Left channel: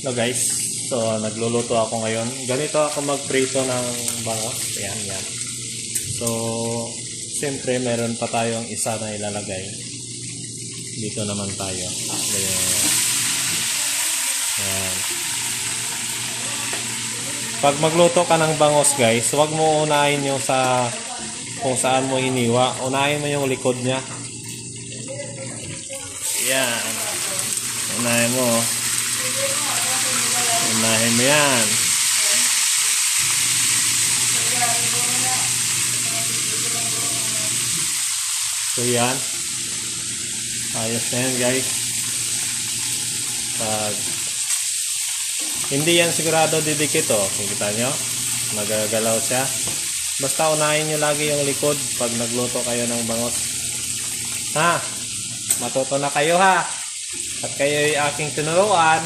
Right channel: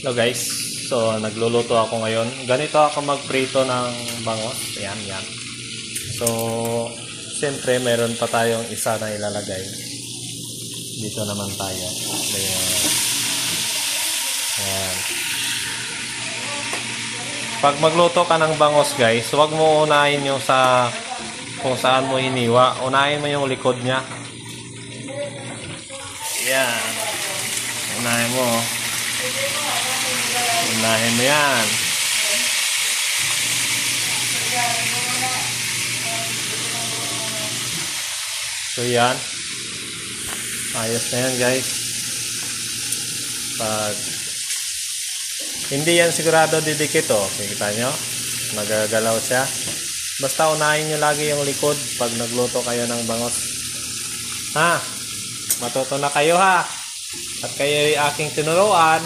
Hello guys, so nagluluto ako ngayon. Ganito ako magprito ng bangos. Ayan, yan. So, siyempre meron pa tayong isa na ilalagay. Dito naman tayo. Ayan. Pag magluto ka ng bangos guys, huwag mo unahin yung sa kung saan mo hiniwa. Unahin mo yung likod niya. Ayan. Unahin mo. Unahin mo yan. So yan. Ayos na yan guys. Pag hindi yan sigurado didikit oh. Kita nyo? Nagagalaw siya. Basta unahin nyo lagi yung likod pag nagluto kayo ng bangos. Ha? Matuto na kayo ha. At kayo ay aking tinuruan.